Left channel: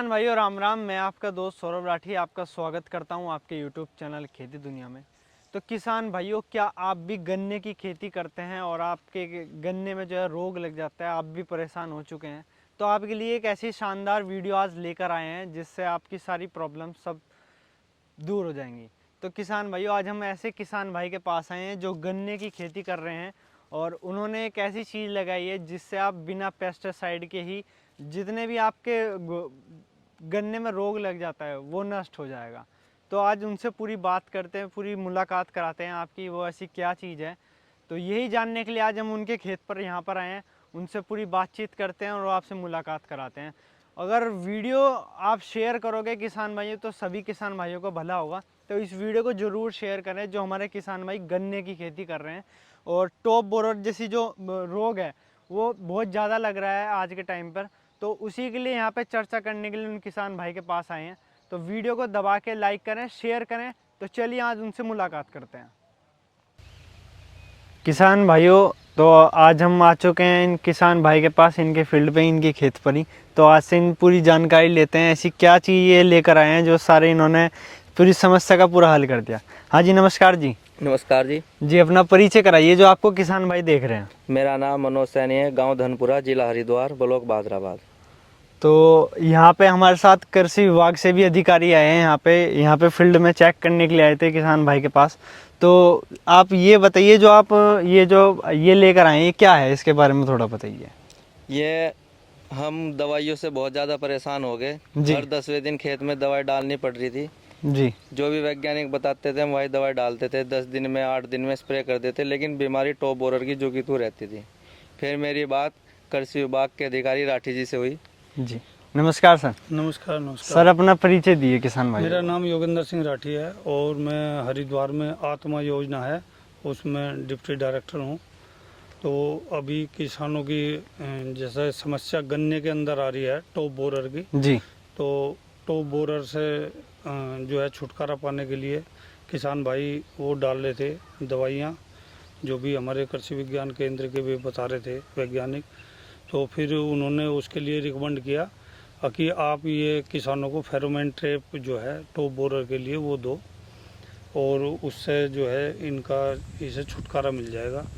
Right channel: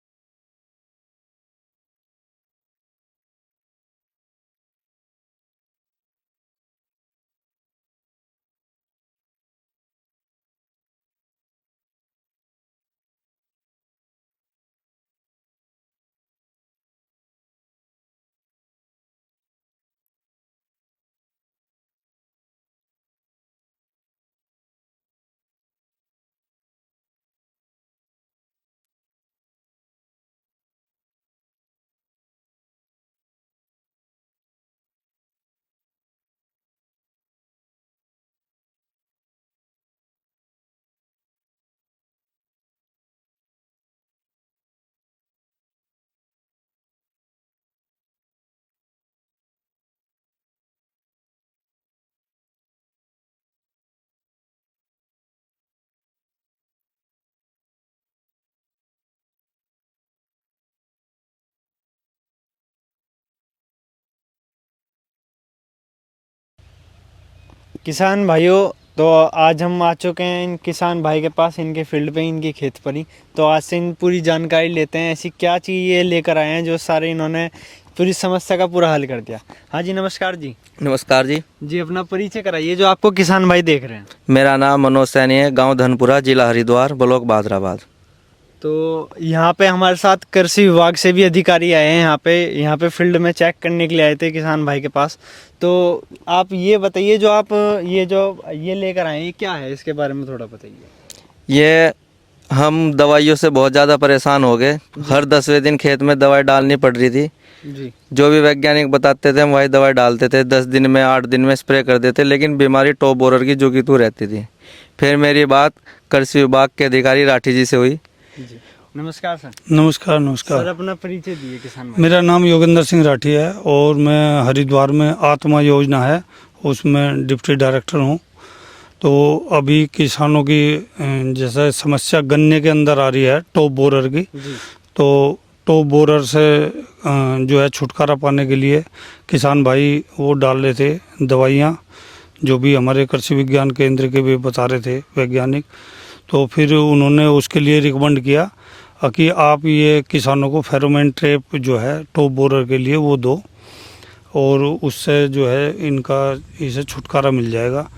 किसान भाइयों राम राम। मैं आपका दोस्त सौरभ राठी आपका स्वागत करता हूं आपके यूट्यूब चैनल खेती दुनिया में। तो किसान भाइयों, क्या आप भी गन्ने की खेती करते हैं और आपके गन्ने में जो है रोग लग जाता है, आप भी परेशान हो चुके हैं, तो आपके लिए एक ऐसी शानदार वीडियो आज लेकर आए हैं जिससे आपकी सारी प्रॉब्लम सब दूर हो जाएंगी। तो किसान भाइयों, आज हम ऐसे किसान भाई के पास आए हैं जो गन्ने की खेती कर रहे हैं और उन्होंने एक ऐसी चीज़ लगाई है जिससे आप बिना पेस्टिसाइड के ही जितने भी आपके गन्ने में रोग लग जाता है वो नष्ट हो जाएगा। तो आज उनसे पूरी बात करते हैं, पूरी मुलाकात कराते हैं आपकी, वो ऐसी क्या चीज़ है। तो यही जानने के लिए आज हम उनके खेत पर यहाँ पर आए हैं, उनसे पूरी बातचीत करते हैं और आपसे मुलाकात कराते हैं। अगर वीडियो आप शेयर करोगे किसान भाइयों तो सभी किसान भाइयों को भला होगा। तो इस वीडियो को ज़रूर शेयर करें जो हमारे किसान भाई गन्ने की खेती कर रहे हैं। और टॉप बोरर जैसी जो रोग है वो बहुत ज़्यादा लग रहा है आज के टाइम पर, तो उसी के लिए यहाँ पे चर्चा करने के लिए उन किसान भाई के पास आए हैं। तो वीडियो को दबा के लाइक करें, शेयर करें। तो चलिए आज उनसे मुलाकात करते हैं। किसान भाइयों, तो आज हम आ चुके हैं इन किसान भाई के पास, इनके फील्ड पे, इनकी खेत पर ही। तो आज से इन पूरी जानकारी लेते हैं, ऐसी क्या चीज़ ये लेकर आए हैं जो सारे इन्होंने पूरी समस्या का पूरा हल कर दिया। हाँ जी, नमस्कार जी। नमस्कार जी। जी, अपना परिचय कराइए जो आपको किसान भाई देख रहे हैं। मेरा नाम मनोज सैनी है, गांव धनपुरा, जिला हरिद्वार, ब्लॉक बादराबाद। तो यहाँ पे हमारे साथ कृषि विभाग से भी अधिकारी आए हैं, यहाँ पे फील्ड में चेक करने के लिए आए थे किसान भाई के पास। तो आप ये बताइए, जो आप ये लेकर आए हैं क्या है, इसके बारे में थोड़ा बताइए। ये हम दवाइयों से बहुत ज़्यादा परेशान हो गए। हर 10वें दिन खेत में दवाई डालनी पड़ रही थी जी। जो भी वैज्ञानिक बताते थे हम वही दवाई डालते थे। 10 दिन में 8 दिन में स्प्रे कर देते, लेकिन बीमारी टॉप बोरर की जो की तू रहती थी। फिर मेरी बात कृषि विभाग के अधिकारी राठी जी से हुई। जी, नमस्कार सर। नमस्कार नमस्कार सर, अपना परिचय दिए किसान भाई। मेरा नाम योगेंद्र सिंह राठी है और मैं हरिद्वार में आत्मा योजना है उसमें डिप्टी डायरेक्टर हूँ। तो अभी किसानों की जैसे समस्या गन्ने के अंदर आ रही है टॉप बोरर की, जी। तो टॉप बोरर से जो है छुटकारा पाने के लिए किसान भाई वो डाल रहे थे दवाइयाँ, जो भी हमारे कृषि विज्ञान केंद्र के भी बता रहे थे वैज्ञानिक। तो फिर उन्होंने उसके लिए रिकमेंड किया कि आप ये किसानों को फेरोमोन ट्रैप जो है टॉप बोरर के लिए वो दो, और उससे जो है इनका इसे छुटकारा मिल जाएगा।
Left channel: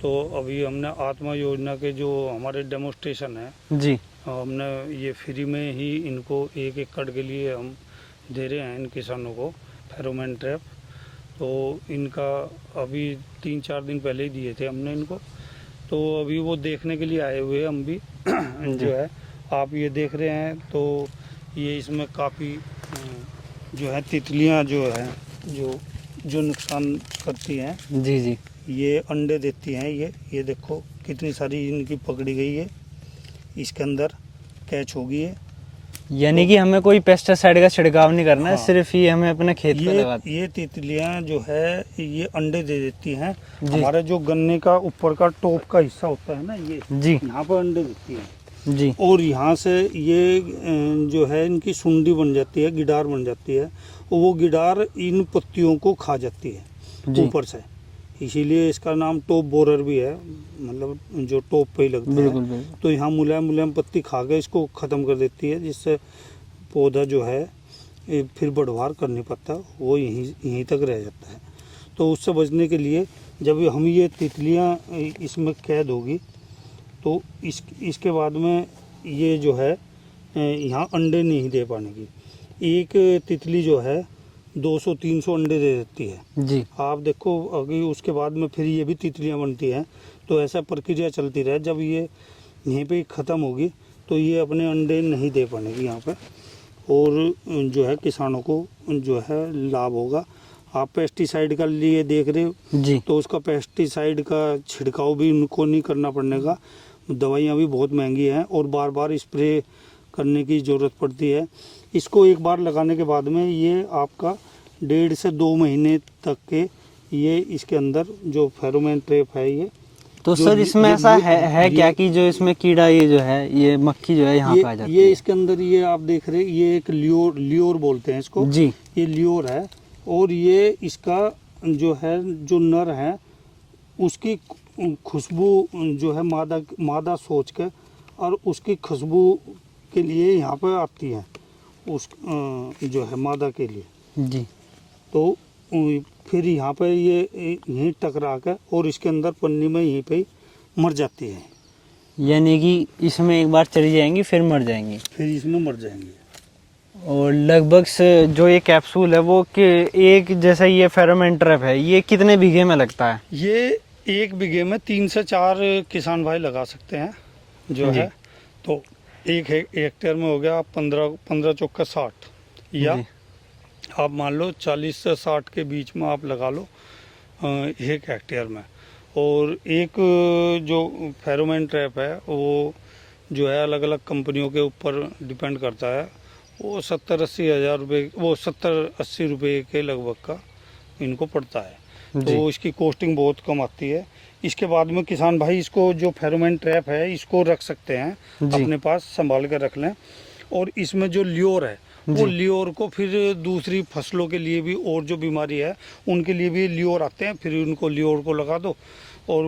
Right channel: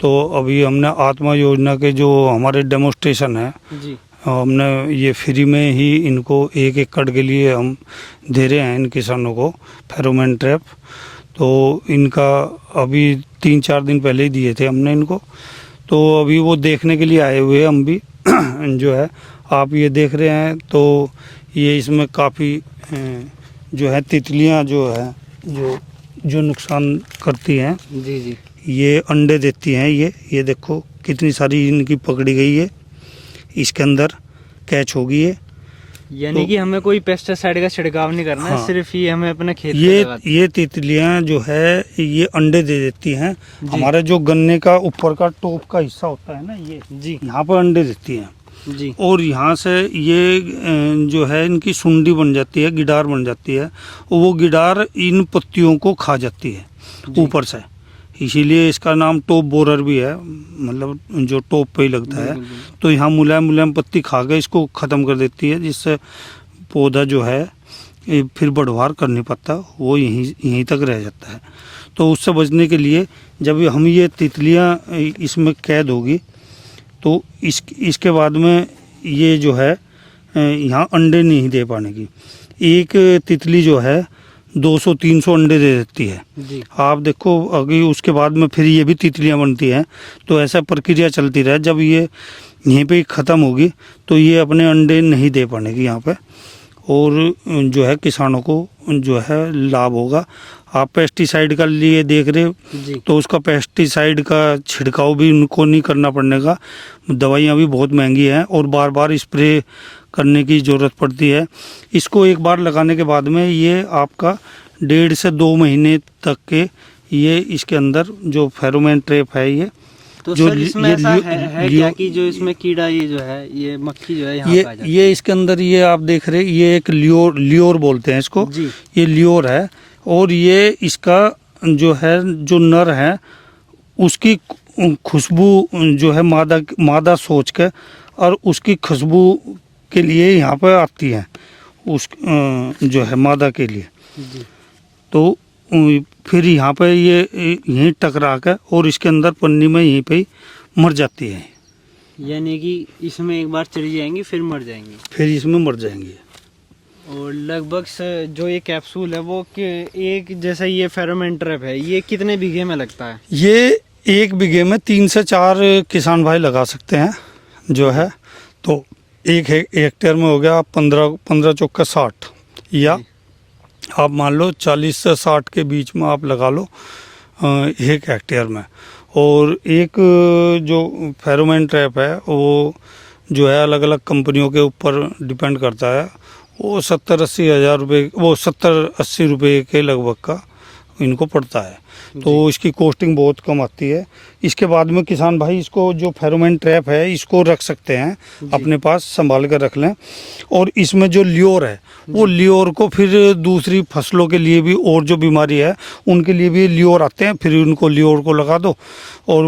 तो अभी हमने आत्मा योजना के जो हमारे डेमोस्ट्रेशन है जी, हमने ये फ्री में ही इनको 1 एकड़ के लिए हम दे रहे हैं इन किसानों को फेरोमोन ट्रैप। तो इनका अभी 3-4 दिन पहले ही दिए थे हमने इनको। तो अभी वो देखने के लिए आए हुए हम भी जो है आप ये देख रहे हैं। तो ये इसमें काफ़ी जो है तितलियां जो है जो नुकसान करती हैं। जी। जी, ये अंडे देती हैं। ये देखो कितनी सारी इनकी पकड़ी गई है, इसके अंदर कैच होगी ये। यानी कि हमें कोई पेस्टिसाइड का छिड़काव नहीं करना है, हाँ। सिर्फ ये हमें अपने खेत पे लगाना है। ये तितलियां जो है ये अंडे दे देती हैं। हमारे जो गन्ने का ऊपर का टॉप का हिस्सा होता है ना, ये जी। यहाँ पर अंडे देती हैं। जी। और यहाँ से ये जो है इनकी सुंडी बन जाती है, गिडार बन जाती है, और वो गिडार इन पत्तियों को खा जाती है ऊपर से। इसीलिए इसका नाम टॉप बोरर भी है, मतलब जो टॉप पे ही लगता है। तो यहाँ मुलायम मुलायम पत्ती खा के इसको ख़त्म कर देती है, जिससे पौधा जो है फिर बढ़वार कर नहीं पाता, वो यहीं तक रह जाता है। तो उससे बचने के लिए जब हम ये तितलियाँ इसमें कैद होगी तो इसके बाद में ये जो है यहाँ अंडे नहीं दे पाने की। एक तितली जो है 200-300 अंडे दे देती है। जी। आप देखो अभी उसके बाद में फिर ये भी तितलियां बनती हैं। तो ऐसा प्रक्रिया चलती रहे, जब ये यहीं पे ख़त्म होगी तो ये अपने अंडे नहीं दे पाएगी यहाँ पे, और जो है किसानों को जो है लाभ होगा। आप पेस्टिसाइड का लिए देख रहे हो जी। तो उसका पेस्टिसाइड का छिड़काव भी उनको नहीं करना पड़ने का। दवाइयाँ भी बहुत महंगी हैं और बार बार स्प्रे करने की ज़रूरत पड़ती है। इसको एक बार लगाने के बाद में ये आपका 1.5 से 2 महीने तक के ये इसके अंदर जो फेरोमोन ट्रैप है ये। तो सर इसमें ऐसा है क्या कि जो इसमें कीड़ा ये जो है ये मक्खी जो है यहाँ पे आ जाती है? ये इसके अंदर ये आप देख रहे ये एक लियोर बोलते हैं इसको जी। ये लियोर है, और ये इसका जो है जो नर है उसकी खुशबू जो है मादा सोच के और उसकी खुशबू के लिए यहाँ पर आती है। उस जो है मादा के लिए। जी तो फिर यहाँ पे ये यहीं टकरा कर और इसके अंदर पन्नी में यहीं पे ही मर जाती है, यानी कि इसमें एक बार चली जाएंगी फिर मर जाएंगी। फिर इसमें मर जाएंगी। और लगभग से जो ये कैप्सूल है वो कि एक जैसा ये फेरोमोन ट्रैप है ये कितने बीघे में लगता है? ये 1 बीघे में 3 से 4 किसान भाई लगा सकते हैं जो है। तो 1 हेक्टेयर में हो गया 15 चौका 60, या जी। आप मान लो 40 से 60 के बीच में आप लगा लो 1 हेक्टेयर में। और एक जो फेरोमोन ट्रैप है वो जो है अलग अलग कंपनियों के ऊपर डिपेंड करता है, वो 70-80 हज़ार रुपये, वो 70-80 रुपये के लगभग का इनको पड़ता है। तो इसकी कॉस्टिंग बहुत कम आती है। इसके बाद में किसान भाई इसको जो फेरोमोन ट्रैप है इसको रख सकते हैं अपने पास, संभाल कर रख लें। और इसमें जो ल्योर है वो ल्योर को फिर दूसरी फसलों के लिए भी, और जो बीमारी है उनके लिए भी ल्योर आते हैं, फिर उनको ल्योर को लगा दो और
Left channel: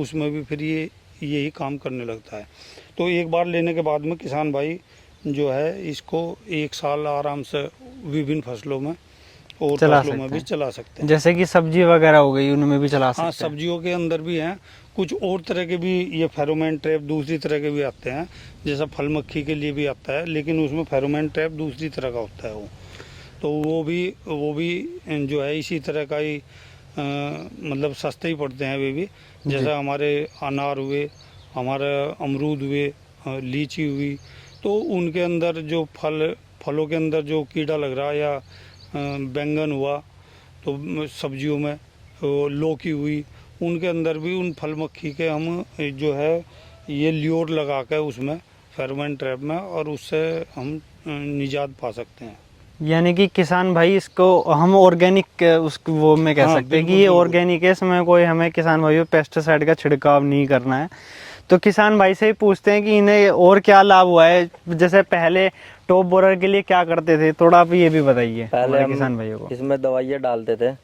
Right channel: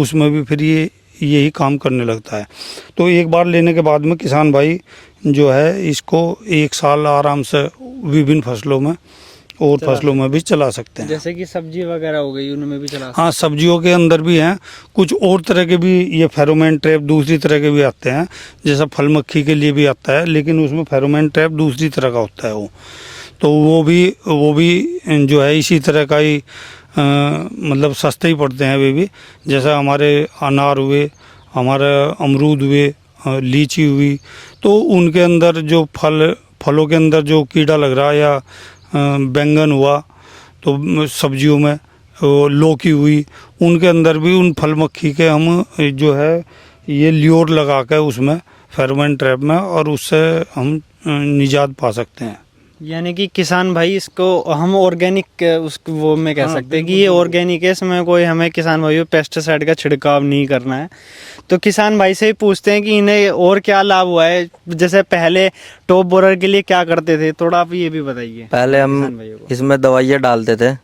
उसमें भी फिर ये यही काम करने लगता है। तो एक बार लेने के बाद में किसान भाई जो है इसको 1 साल आराम से विभिन्न फसलों में और फसलों में भी चला सकते हैं। जैसे कि सब्जी वगैरह हो गई उनमें भी चला सकते हाँ, सब्जियों के अंदर भी हैं कुछ और तरह के भी, ये फेरोमोन ट्रैप दूसरी तरह के भी आते हैं, जैसा फल मक्खी के लिए भी आता है, लेकिन उसमें फेरोमोन ट्रैप दूसरी तरह का होता है वो। तो वो भी जो है इसी तरह का ही मतलब सस्ते ही पड़ते हैं वे भी। जैसा हमारे अनार हुए, हमारे अमरूद हुए, लीची हुई, तो उनके अंदर जो फलों के अंदर जो कीड़ा लग रहा है, या बैंगन हुआ तो सब्जियों में, लौकी हुई, उनके अंदर भी उन फल मक्खी के हम जो है ये ल्योर लगा कर उसमें फेरोमोन ट्रैप में, और उससे हम निजात पा सकते हैं। यानी कि किसान भाई इसको हम ऑर्गेनिक उसको वो में कह सकते हैं कि ये ऑर्गेनिक है, इसमें कोई हमें किसान भाइयों पेस्टिसाइड का छिड़काव नहीं करना है। तो किसान भाई से ही पूछते हैं कि इन्हें और क्या लाभ हुआ है, जैसे पहले टॉप बोरर के लिए क्या करते थे, थोड़ा आप ये भी बताइए। पहले किसान हम भाइयों को इसमें दवाइयाँ डालते थे।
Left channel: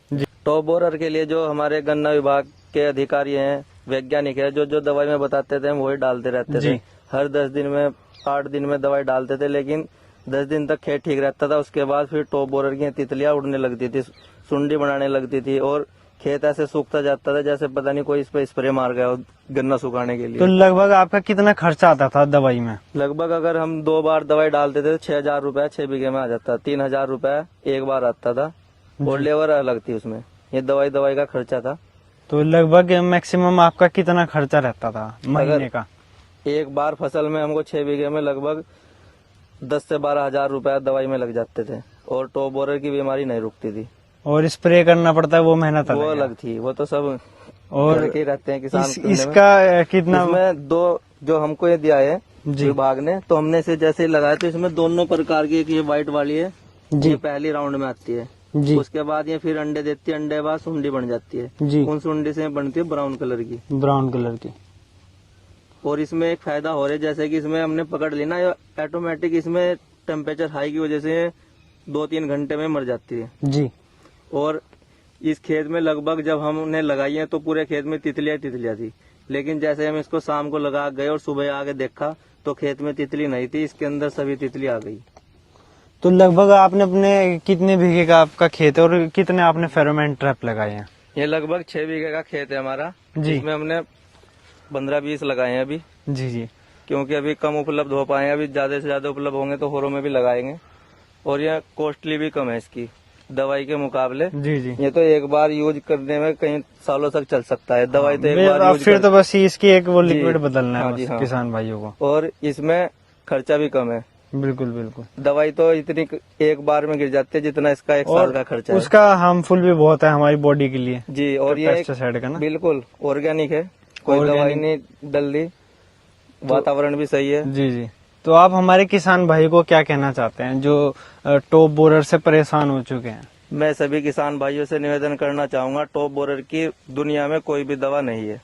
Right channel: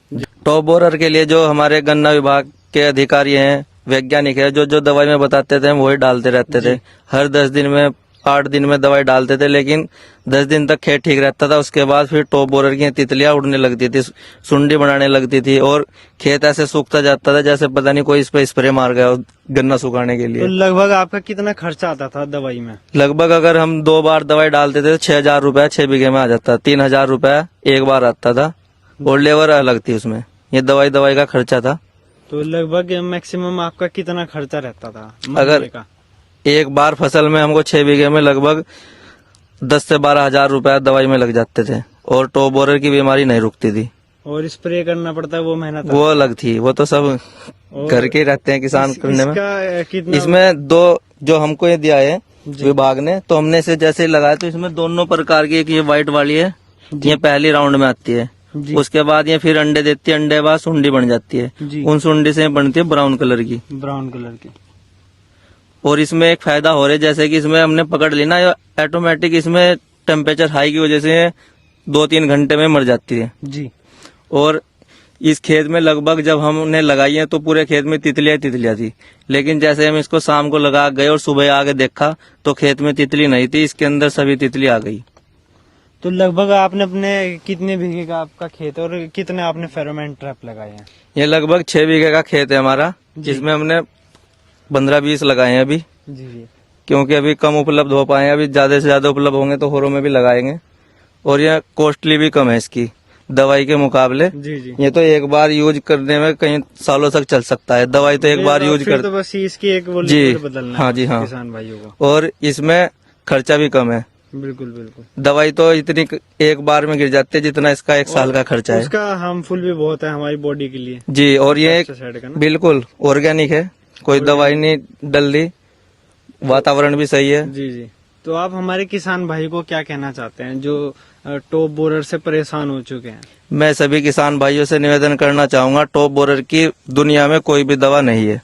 टॉप बोरर के लिए जो हमारे गन्ना विभाग के अधिकारी हैं, वैज्ञानिक है, जो जो दवाई में बताते थे हम वही डालते रहते थे। हर 10 दिन में 8 दिन में दवाई डालते थे, लेकिन 10 दिन तक खेत ठीक रहता था। उसके बाद फिर टॉप बोरर की तितलियां उड़ने लगती थी, सुंडी बनाने लगती थी, और खेत ऐसे सूखता जाता था जैसे पता नहीं कोई इस पे स्प्रे मार गया हो गन्ना सुखाने के तो लिए। लगभग आपका कितना खर्चा आता था दवाई में? लगभग अगर हम 2 बार दवाई डालते थे तो 6,000 रुपया 6 बीघे में आ जाता। 3,000 रुपया एक बार आता था, और लेबर अलग थी उसमें। ये दवाई का खर्चा था। तो लगभग मैक्सिमम आपका कितना खर्चा रहता था महीने का? एक बार फसल में हमको 6 बीघे में लगभग 10 से 12 हजार रुपया दवाई में लग जाते थे, और टॉप बोरर की बीमारी नहीं रुकती थी। और स्प्रे करना पड़ता है वो मेहनत वो अलग थी, वो तो सब घर के रहते हैं किसान करने में। इसका कितना? इसमें 2 जो हमको ये दिया है विभाग ने, तो हमने इसे जैसे ही लगाया तो इसमें दोनों प्रकार की, एक ये व्हाइट वाली है, ये पहली राउंड में आती है। उसके बाद ये फिर अंडे देती है, अंडे बाद सुंडी बन जाती है, उन सुंडी से बनती है ब्राउन कलर की। ब्राउन कलर की। और इसमें एक फायदा हो रहा है, जैसे कि इसमें हमने पकड़ ली ना, ऑटोमेटिक इसमें टेम्परेचर हाई की वजह से 2-3 घंटे में मर जाती है जी। और इस खेत में लगभग जब हमने लगाई है तो पूरे खेत में तितलियां थी, लेकिन जैसे हम इसको शाम को लगा गए और सुबह आके देखा तो खेत में तितली नहीं थी, इसके अंदर सभी तितली आ गई। तो लगभग आपने अपने कितने बीघे का आपका खेत है और कितने आपने फेरोमोन ट्रैप लगाए हैं? ये लगभग 6 बीघे का खेत है हमारा, जिसमें हमने 15-20 लगाए हैं अभी। जी। क्योंकि अभी कम उपलब्ध हो पाए हैं, अभी ज्यादा से ज्यादा उपलब्ध होंगे तो होरों में भी लगाएंगे। और यह कॉस्टली भी कम है इसकी दवाई के मुकाबले। जी। ये तो एक बार यूज करने में कई सालों तक चल सकता है। दवाई तो एक बार यूज फिर तो बस इसकी एक वो जी, लिक्विड बदलना है हाँ जी, हाँ। किसान भाइयों को। और इसमें खर्चा भी कम है। बिल्कुल। दवाई तो इतनी एक बार में गिर जाती है जितना इसका 1 साल का खर्चा है। उसका हार्मफुल भी बहुत है हमारी बॉडी के लिए जी। और ये पेस्टिसाइड का ना। बिल्कुल ऑर्गेनिक है, कोई दवाई नहीं डल रही, वातावरण भी सही है। जी। तो आप हमारे किसान भाई को क्या कहना चाहते हैं जो टॉप बोरर से परेशान हो चुके हैं? मैं सभी किसान भाइयों से निवेदन करना चाहूंगा, टॉप बोरर की दुनिया में कोई भी दवा नहीं है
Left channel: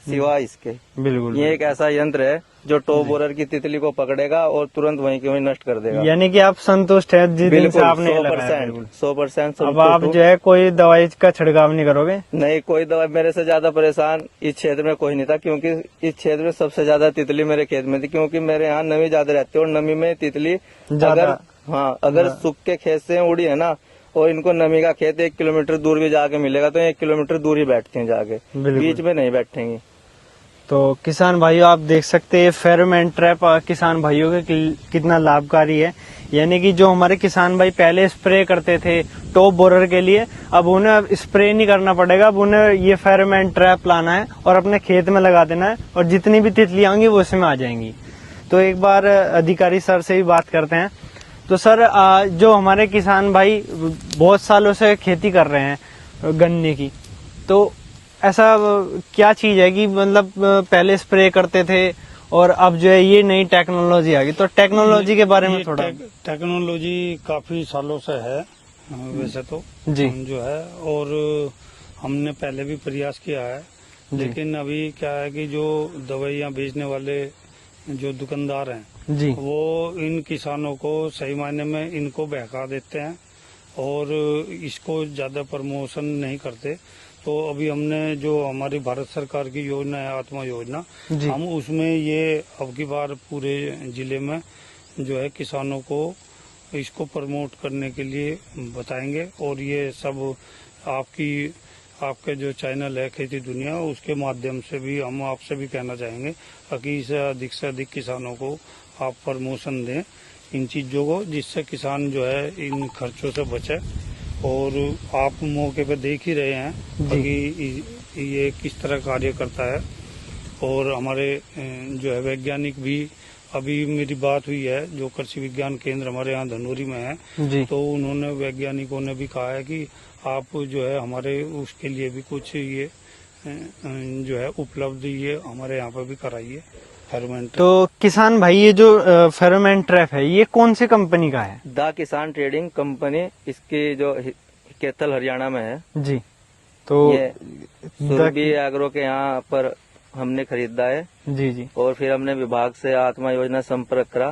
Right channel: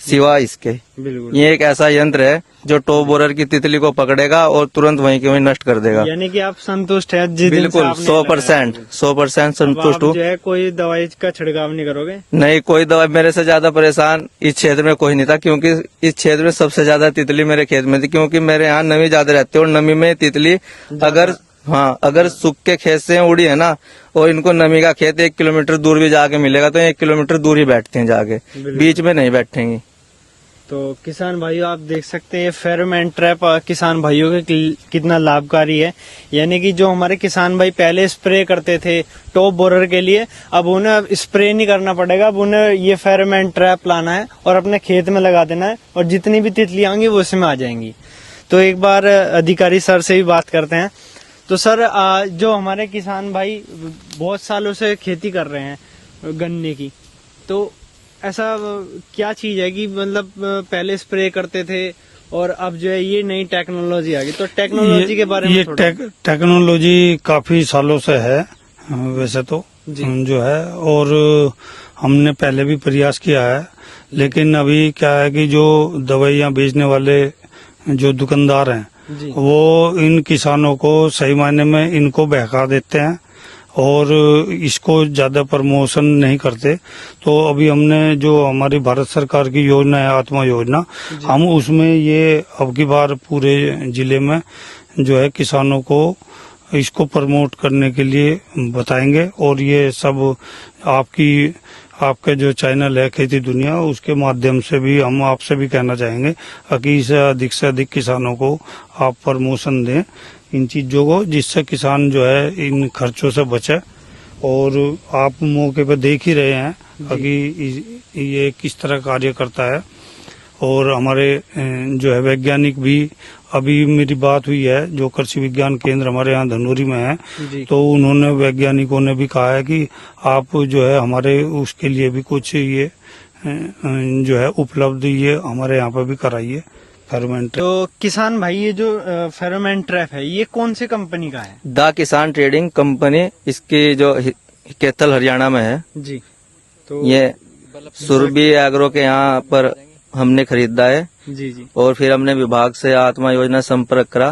सिवाय इसके। बिल्कुल। ये एक ऐसा यंत्र है जो टॉप बोरर की तितली को पकड़ेगा और तुरंत वहीं के वहीं नष्ट कर देगा। यानी कि आप संतुष्ट है जिस दिन से बिल्कुल आपने 100% अब आप संतुष्ट हूँ। जो है कोई दवाई का छिड़काव नहीं करोगे? नहीं, कोई दवाई। मेरे से ज्यादा परेशान इस क्षेत्र में कोई नहीं था, क्योंकि इस क्षेत्र में सबसे ज्यादा तितली मेरे खेत में थी, क्योंकि मेरे यहाँ नमी ज्यादा रहती है और नमी में तितली अगर हाँ, अगर सूख के खेत से उड़ी है ना और इनको नमी का खेत 1 किलोमीटर दूर भी जाके मिलेगा तो 1 किलोमीटर दूर ही बैठते हैं जाके, बिल्कुल। बीच में नहीं बैठेंगे। तो किसान भाइयों आप देख सकते हैं फेरोमोन ट्रैप किसान भाइयों के कितना लाभकारी है। यानी कि जो हमारे किसान भाई पहले स्प्रे करते थे टॉप बोरर के लिए, अब उन्हें स्प्रे नहीं करना पड़ेगा, अब उन्हें ये फेरोमोन ट्रैप लाना है और अपने खेत में लगा देना है और जितनी भी तितलियां होंगी वो उसमें आ जाएंगी। तो एक बार अधिकारी सर से भी बात करते हैं। तो सर जो हमारे किसान भाई बहुत सालों से खेती कर रहे हैं गन्ने की, तो ऐसा क्या चीज है कि मतलब पहले स्प्रे करते थे और अब जो है ये नई टेक्नोलॉजी आ गई, तो टेक्नोलॉजी के बारे में ये थोड़ा टेक्नोलॉजी काफी सालों से है वैसे तो जी। जो है, और हमने पहले भी प्रयास किया है, लेकिन अभी क्या है कि जो दवाइयाँ बेचने वाले जो दुकानदार हैं जी वो इन किसानों को सही मायने में इनको बहका देते हैं और इसको ज्यादा प्रमोशन नहीं करते। तो अभी हमने जो हमारी भारत सरकार की योजना है आत्मा योजना, हम उसमें ये अब की बार पूरे जिले में जो है किसानों को इसको प्रमोट करने के लिए बताएंगे। और ये सब आपके जो चैनल है खेती दुनिया, उसके माध्यम से भी हम आपसे भी कहना चाहेंगे कि इसे अधिक से अधिक किसानों को आप प्रमोशन दें इन चीज़ों को, जिससे किसान जो है इन खर्चों से बचे। और आप मौके पर देख ही रहे हैं कि ये किस तरह कार्य करता है। और हमारे जो है वैज्ञानिक भी, अभी मेरी बात हुई है जो कृषि विज्ञान केंद्र हमारे यहाँ धनौरी में है, जी तो उन्होंने वैज्ञानिकों ने भी कहा है कि आप जो है हमारे उसके लिए भी कुछ ये जो है उपलब्ध ये हमारे यहाँ पर भी कराइए फेरोमोन ट्रैप। तो किसान भाई ये जो फेरोमोन ट्रैप है ये कौन सी कंपनी का है? द किसान ट्रेडिंग कंपनी, इसकी जो कैथल हरियाणा में है। जी तो ये सुरभि एग्रो के यहाँ पर हमने खरीदा है जी जी और फिर हमने विभाग से आत्मा योजना संपर्क करा,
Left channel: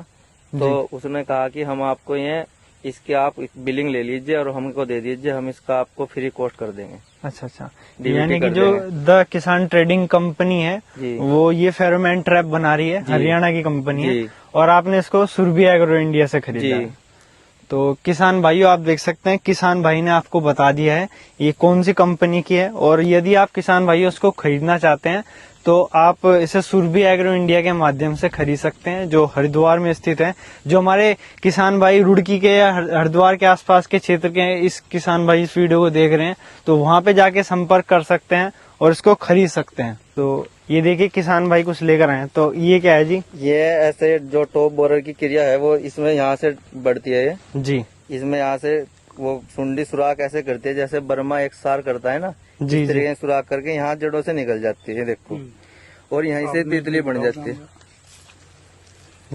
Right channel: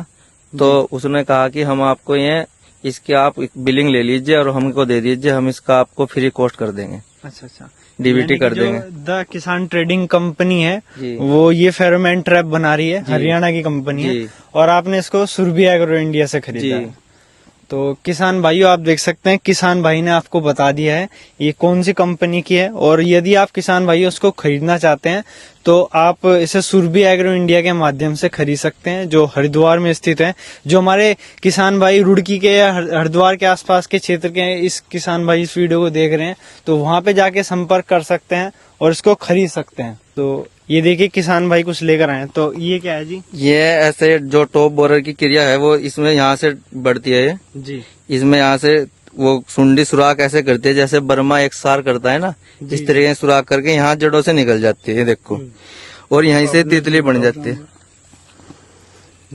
तो उसने कहा कि हम आपको ये इसकी आप बिलिंग ले लीजिए और हमको दे दीजिए, हम इसका आपको फ्री कॉस्ट कर देंगे, अच्छा अच्छा। डीबीटी यानी कर कि जो देंगे। द किसान ट्रेडिंग कंपनी है जी। वो ये फेरोमोन ट्रैप बना रही है, हरियाणा की कंपनी है, जी। और आपने इसको सुरभि एग्रो इंडिया से खरीदा है। तो किसान भाइयों आप देख सकते हैं किसान भाई ने आपको बता दिया है ये कौन सी कंपनी की है। और यदि आप किसान भाइयों उसको खरीदना चाहते हैं तो आप इसे सुरभि एग्रो इंडिया के माध्यम से खरीद सकते हैं, जो हरिद्वार में स्थित है। जो हमारे किसान भाई रुड़की के या हरिद्वार के आसपास के क्षेत्र के हैं, इस किसान भाई इस वीडियो को देख रहे हैं, तो वहां पे जाके संपर्क कर सकते हैं और इसको खरीद सकते हैं। तो ये देखिए किसान भाई कुछ लेकर आए हैं। तो ये क्या है जी? ये ऐसे जो टॉप बोरर की क्रिया है वो इसमें यहाँ से बढ़ती है। ये जी इसमें यहाँ से वो सुंडी सुराख ऐसे करती है जैसे बर्मा एक सार करता है ना, जी, इस तरीके से सुराख करके यहाँ जड़ों से निकल जाती है, ये देखो, और यहीं से तितली बन जाती है।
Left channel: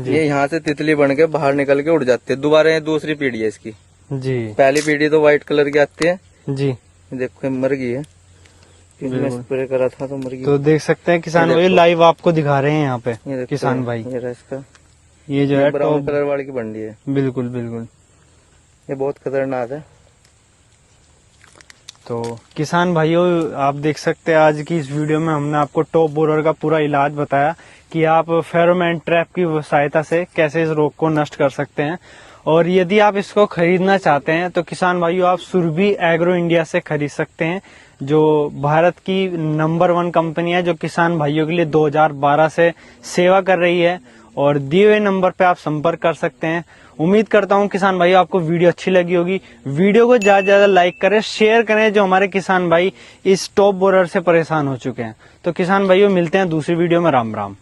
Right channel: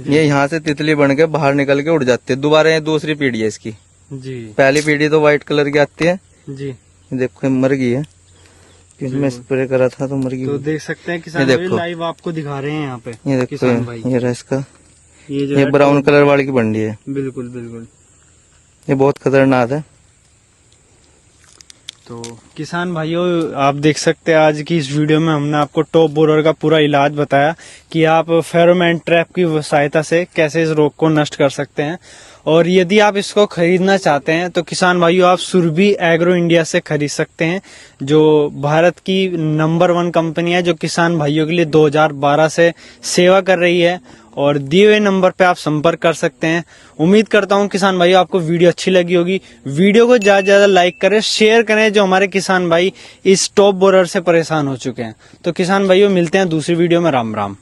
ये यहाँ से तितली बन के बाहर निकल के उड़ जाती है। दोबारा ये दूसरी पीढ़ी है इसकी। जी पहली पीढ़ी तो व्हाइट कलर की आती है, जी। देखो ये मर गई है, इसमें स्प्रे करा था तो मर गई। तो देख सकते हैं किसान ये भाई देखो। लाइव आपको दिखा रहे हैं यहाँ पे ये देखो किसान भाई। ये रहा इसका, ये जो ये है ब्राउन कलर वाली की बंडी है, बिल्कुल बिल्कुल। ये बहुत खतरनाक है। तो किसान भाइयों आप देख सकते हैं आज की इस वीडियो में हमने आपको टॉप बोरर का पूरा इलाज बताया कि आप फेरोमोन ट्रैप की सहायता से कैसे इस रोग को नष्ट कर सकते हैं। और यदि आप इसको खरीदना चाहते हैं तो किसान भाइयों आप सुरभि एग्रो इंडिया से खरीद सकते हैं, जो भारत की नंबर 1 कंपनी है, जो किसान भाइयों के लिए 2012 से सेवा कर रही है। और दिए हुए नंबर पे आप संपर्क कर सकते हैं। उम्मीद करता हूं किसान भाइयों आपको वीडियो अच्छी लगी होगी। वीडियो को ज्यादा से ज्यादा लाइक करें, शेयर करें, जो हमारे किसान भाई इस टॉप बोरर से परेशान हो चुके हैं। तो किसान भाइयों मिलते हैं दूसरी वीडियो में। राम राम।